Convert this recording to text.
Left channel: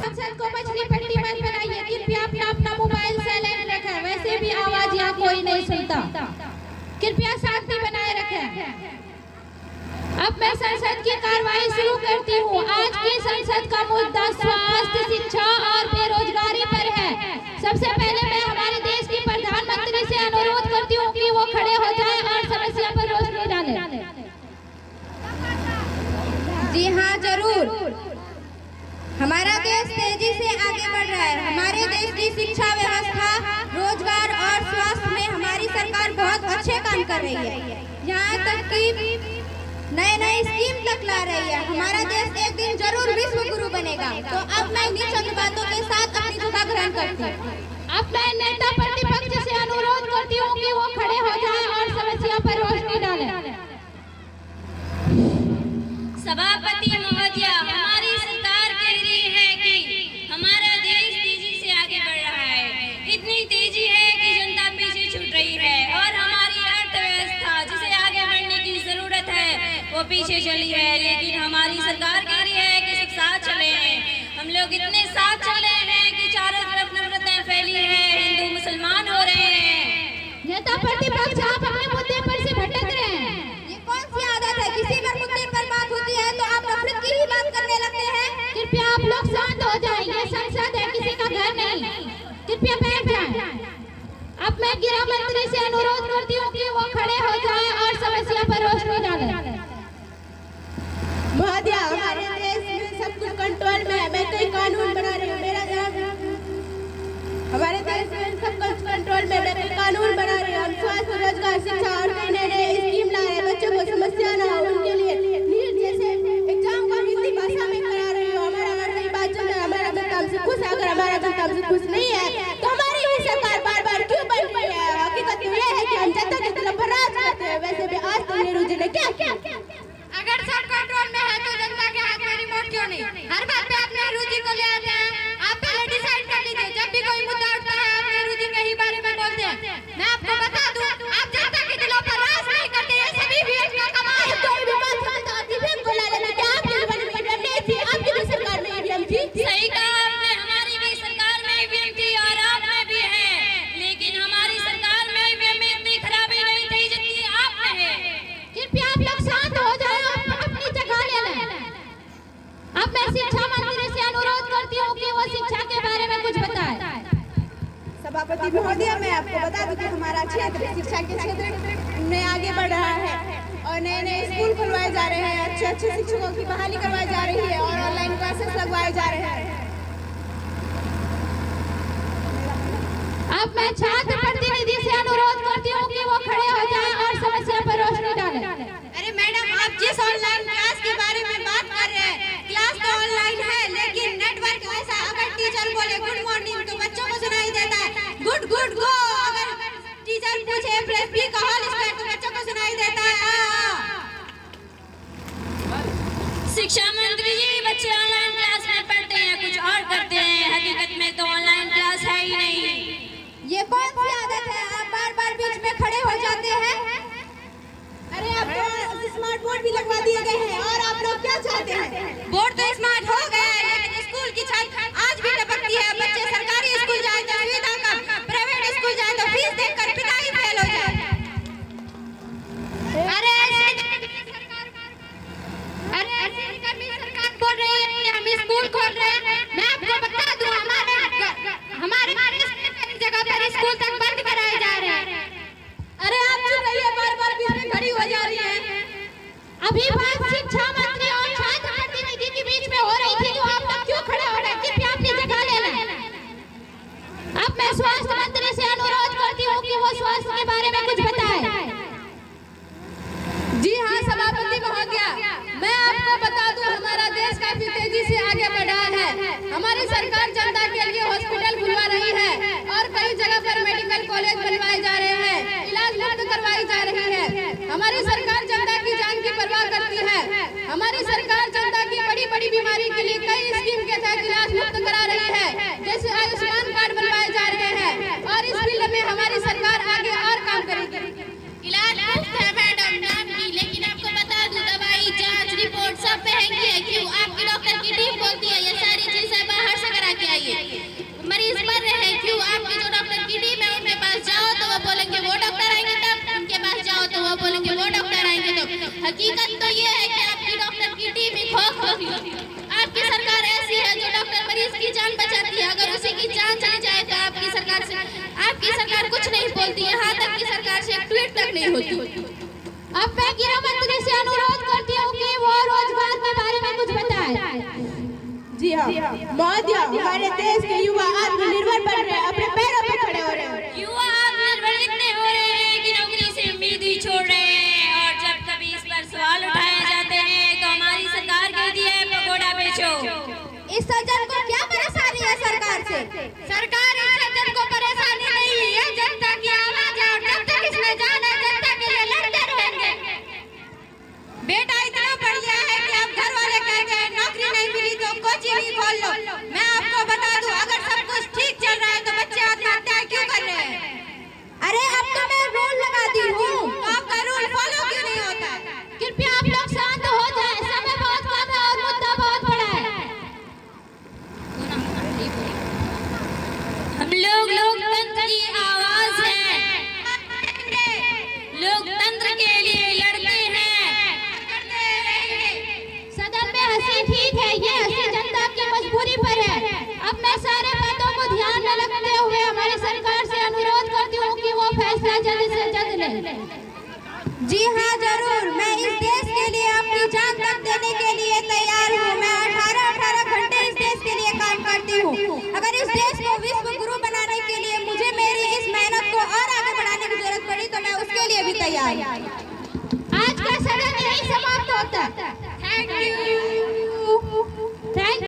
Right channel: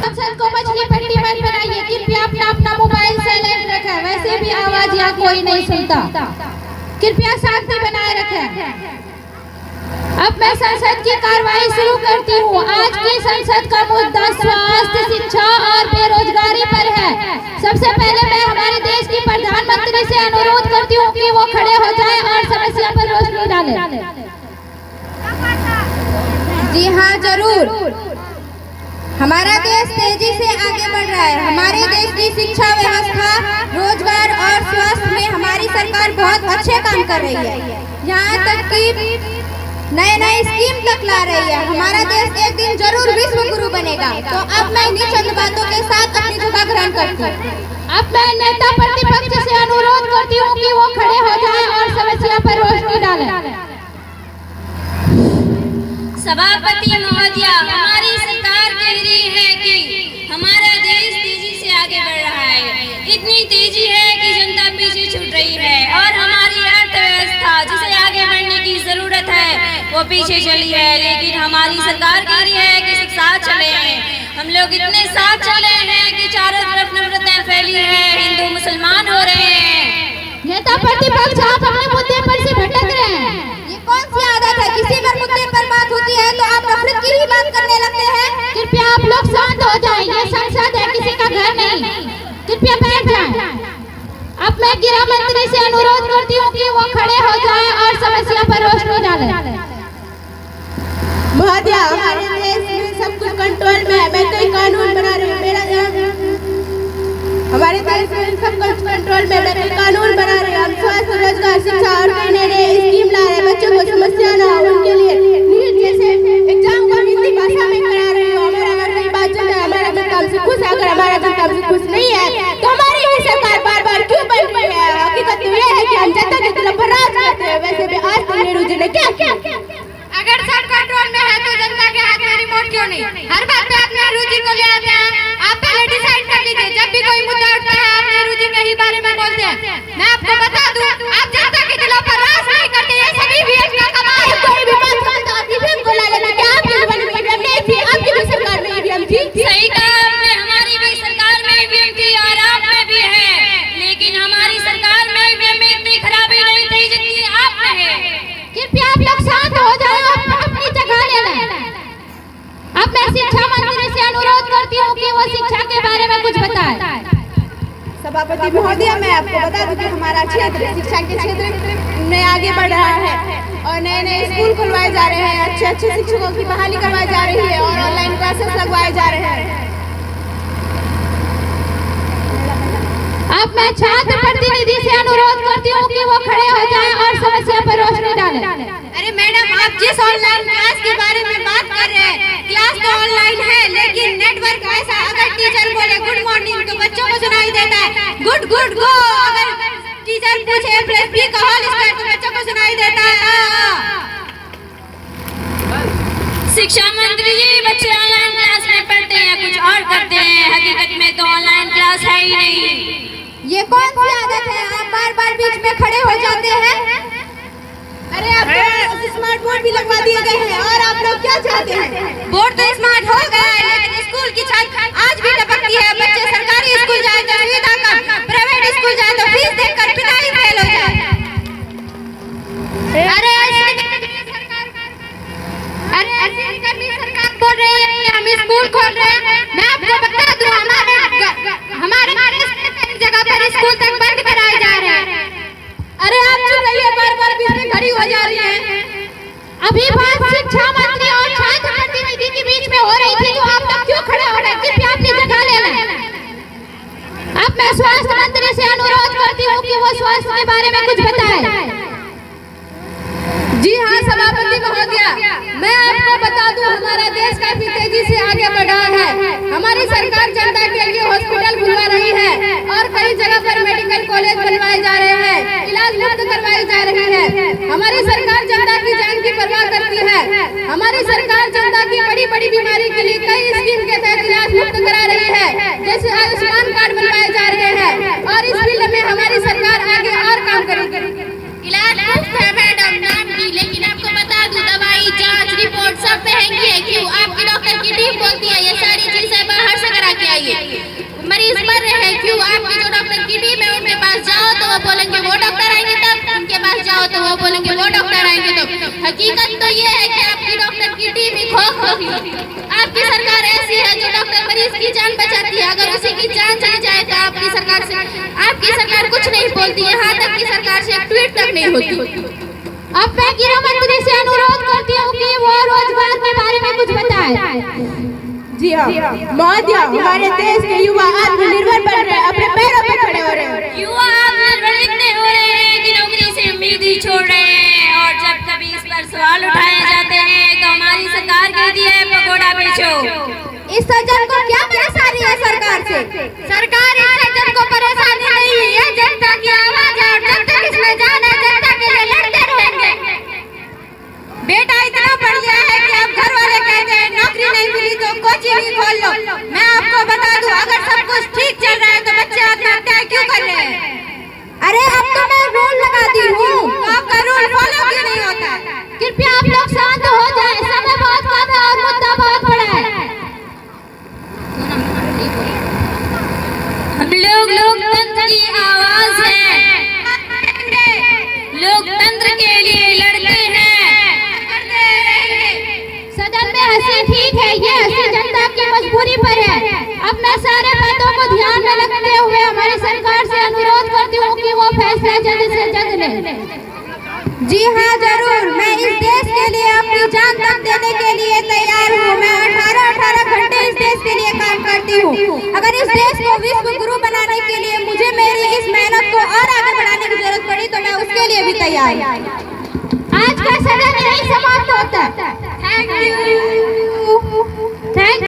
संसद को मछली पट्टी मत बनाइए, कृपया अपना अपना मोबाइल साइलेंट रखें, वैसे भी आवाज यहाँ कोई नहीं सुनता, कृपया शांति बनाए रखें। अब मैं संसद की कार्रवाई शुरू करती हूँ। आज की संसद का मुद्दा स्वास्थ्य, शिक्षा और बेरोजगारी पर है। सबसे पहले मैं हमारे देश की प्रधानमंत्री से अनुरोध करती हूँ कि वो खड़े हो जाएं और समस्या पर रोशनी डालें। जी हाँ, जरूर। हमारा देश तेजी से आगे बढ़ रहा है। हमारे देश की शिक्षा व्यवस्था, रोजगार और स्वास्थ्य में हमारी सरकार बहुत अच्छे काम कर रही है। यहाँ तक कि नए स्कीम तक ला रही है। हमारा देश एक दिन जरूर विश्व गुरु बनेगा। तो अब मैं इन्हीं चंद बातों के साथ अपनी जगह ग्रहण करती हूँ। अब मैं नेता प्रतिपक्ष से अनुरोध करती हूँ कि वो खड़े हो जाएं और समस्या पर रोशनी डालें। सभापति महोदया, हमारी सरकार कह रही है कि हमारा देश तेजी से आगे बढ़ रहा है। इतनी तेजी है कि जनता पीछे छूट रही है और हमारी अर्थव्यवस्था जिसे आगे बढ़ने की जरूरत है वो पीछे चली है। लेकिन हमारी सरकार कह रही है कि सब साथ चले हैं। हम लोग इतने साथ चले हैं कि चारों तरफ नफरतें फैली है, हिंदू मुसलमान हो रहे हैं। नेता प्रतिपक्ष, आप अपने मुद्दे पर से भटक रहे हैं। ये कौन सी आदत है? किसी पर मुद्दे पर बात होती है तो आप नफरत की ही बात करने लगते हैं। कृपया आप लोग शांत हो जाएं, ये संसद है, किसी का घर नहीं। कृपया बैठ जाएं। अब मैं गृह मंत्री से अनुरोध करती हूँ कि वो खड़े हो जाएं और समस्या पर रोशनी डालें। महोदया, हमारे देश में सब कुछ कंट्रोल में है। मैं कोई कानून बना रही हूँ, हमारे देश में सब कुछ कंट्रोल में, मैं कोई कानून बना रही हूँ। हम स्वास्थ्य, रोजगार, शिक्षा और कई नए स्कीम ला रहे हैं। बच्चों को समस्या ना हो उनके लिए नीट जैसे एग्जाम को हिंदी भाषा में करा रही हूँ। हमारा अगर कोई बात चल रहा है, हमारा जनता हमसे खुश है। अगर हमारा जनता हमसे खुश नहीं है तो हमारी भी सरकार बार बार क्यों बन रही है? हकीकत तो ये है कि हम जनता के दिलों पर राज करते हैं। वैसे भी आज तक नेहरू जी ने क्या अगर सब कंट्रोल में है तो जनता के हाथ में रिमोट क्यों नहीं? हर बात पे आप नेहरू जी को ले आते हैं। आप पहले डिसाइड कर लीजिए, जब भी कोई मुद्दा उठता है आप नेहरू जी के ही बारे में बोलते हैं। मैं आपको बता दूं, आप जनता के दिलों पर राज नहीं करते। ये सभी वीएम का कमाल है। कोई भी बात करता है ईवीएम को ला लेना। क्या आपके जीवन में ईवीएम नहीं थी? आपकी भी सरकार में ईवीएम थी। सही कहा आपने, हमारी भी सरकार में ईवीएम थी और आप में भी है। लेकिन हमारी सरकार में ईवीएम में इतनी खराबी नहीं थी जितनी आप में है। कृपया आप लोग शांत हो जाएं और अपनी जगह ले लें। अब मैं शिक्षा मंत्री से अनुरोध करती हूँ कि वो शिक्षा के बारे में कुछ बताएं। सभापति महोदया, मैं आपको बता दूं कि हमारा क्षेत्र शिक्षा के क्षेत्र में आगे बढ़ रहा है और नए स्कूल खुलवाए जा रहे हैं। अच्छे शिक्षकों की बहाली करवाई जा रही है और ऑनलाइन क्लासेस लगवाए जा रहे हैं। अब मैं छात्र प्रतिनिधि से अनुरोध करती हूँ कि वो खड़े हो जाएं और समस्या पर रोशनी डालें। अरे मैडम, आप जिस ऑनलाइन क्लास के बारे में बात कर रहे हैं, क्लास तो ऑनलाइन है लेकिन नेटवर्क ऐसा, अगर टीचर बोले गुड मॉर्निंग तो बच्चों को सुनाई देता है गुड गुड गो। अगर टीचर पूछे प्लस बी का होल स्क्वायर तो बच्चों को सुनाई देता है शिक्षा मंत्री जी, बच्चे ऑनलाइन क्लास में पढ़ते हैं, कुछ और करते हैं। हकीकत में तो ऑनलाइन क्लास है ही नहीं। ये कौन सी आदत है? आप बार बार बीच में खड़े हो जाते हैं। अरे आप स्मार्ट बोर्ड भी लगवा दिए गए हैं और आप लोग क्या चाहते हैं? बोर्ड तो स्मार्ट हो गया है लेकिन स्कूल की छत आज भी टपकती है। बच्चे सरकारी स्कूल जाए तो सुविधा कम, प्राइवेट स्कूल जाए तो फीस देकर पिता ही फेल हो जाए। अरे सरकार बोल रही है कि हम स्कूल खोल रहे हैं। मैं आपको बता दूं, हमारे जगह पर स्कूल तक बंद कराए जा रहे हैं। अरे आप चुप रहिए, बार बार बीच में खड़ी हो जा रही है। अभी बात शिक्षा मंत्री और छात्र प्रतिनिधि के बीच में हो रही थी, तो आप लोग क्यों खड़े हो रहे हैं? कृपया अपनी जगह ले लें। अब मैं स्वास्थ्य मंत्री से अनुरोध करती हूँ कि वो स्वास्थ्य के बारे में कुछ बताएं। जी हाँ सभापति महोदया, मैं आपको बता दूं, हमारा देश काफी तेजी से आगे बढ़ा है। हमारी सरकार जनता के लिए हॉस्पिटल खुलवा रही है और कई जगह पर मेडिकल कॉलेज बनवाए जा रहे हैं, इलाज मुफ्त करवाई जा रही है। हमारी सरकार जनता की जान की परवाह करती है। हमारी सरकार जनता की बड़ी बड़ी बीमारी के लिए कई स्कीम के तहत इलाज मुफ्त करा रही है, जैसे आयुष्मान कार्ड बनवाए जा रहे हैं और इस फील्ड में हमारी सरकार आगे और काम करेगी। आइए। मरीज मर रहे हैं क्यों? आपकी जो डॉक्टर की टीम है उनके पास जाओ तो वो बोलेंगे वो डॉक्टर आएंगे तब, उनके पास जाओ तो वो बोलेंगे वो डॉक्टर आएंगे तब। हकीकत तो ये है कि आपकी डॉक्टर की टीम ही खोखली। आपकी सरकार ऐसी है जो डॉक्टर मरीज की जान बचाती है, अगर उसी की जान चली जाए तो आपकी सरकार कुछ नहीं बोलती, यहाँ तक की सरकार से एक ट्वीट तक नहीं होती। अब मैं गृह मंत्री से अनुरोध करती हूँ कि वो रोजगार के बारे में कुछ बताएं। जी हाँ महोदय, हमारे देश के युवा आत्मनिर्भर बन रहे हैं, अपने पैरों पर खड़े हो रहे हैं। युवा आत्मनिर्भर इतने हो रहे हैं कि नौकरी से उम्मीद ही छोड़ रहे हैं, और जब कभी इस पर सवाल उठाए जाते हैं तो हमारी सरकार कहती है पकौड़ा बेचो। इस सज्जन को क्या परेशानी है सरकार से? सरकार इस सज्जन को परेशानी नहीं है, जनता की आवाज है और जब तक इसमें जान है जनता के लिए लड़ते रहेंगे। बेटा इतना पढ़ गया है कि अब घर वाले कहते हैं नौकरी नहीं मिली तो कोचिंग खोल लो। मैं आपको बता दूं, अगर सब कुछ ठीक चल रहा है तो बच्चे आत्महत्या क्यों कर रहे हैं? अरे अब तो मैं रूल लगाती हूँ, आपका रूल फॉलो क्यों नहीं होता? कृपया आप लोग शांत हो जाएं, समय बहुत कम है और मुद्दा बहुत बड़ा है। हम लोग लोकतंत्र की आवाज है, लोकतंत्र के लिए लड़ते हैं। सदन में हंसी ठीक है, ये हंसी जनता की मजबूरी पर है। अब मैं सारे बातों को ध्यान में रखते हुए हमारी सरकार से अनुरोध करती हूँ कि वो फैसला जल्द से जल्द ले। जी हाँ जरूर, मैं इस देश के लिए अपनी जान तक देने के लिए तैयार हूँ। मैं 18 घंटे इस देश के लिए काम करती हूँ। अगर इस देश को विश्व गुरु बनाने के लिए मुझे मेरी इस मेहनत को और आगे बढ़ाने की जरूरत पड़ी तो मैं उसके लिए भी तैयार हूँ। आज का सदन यही समाप्त होता है। Thank you.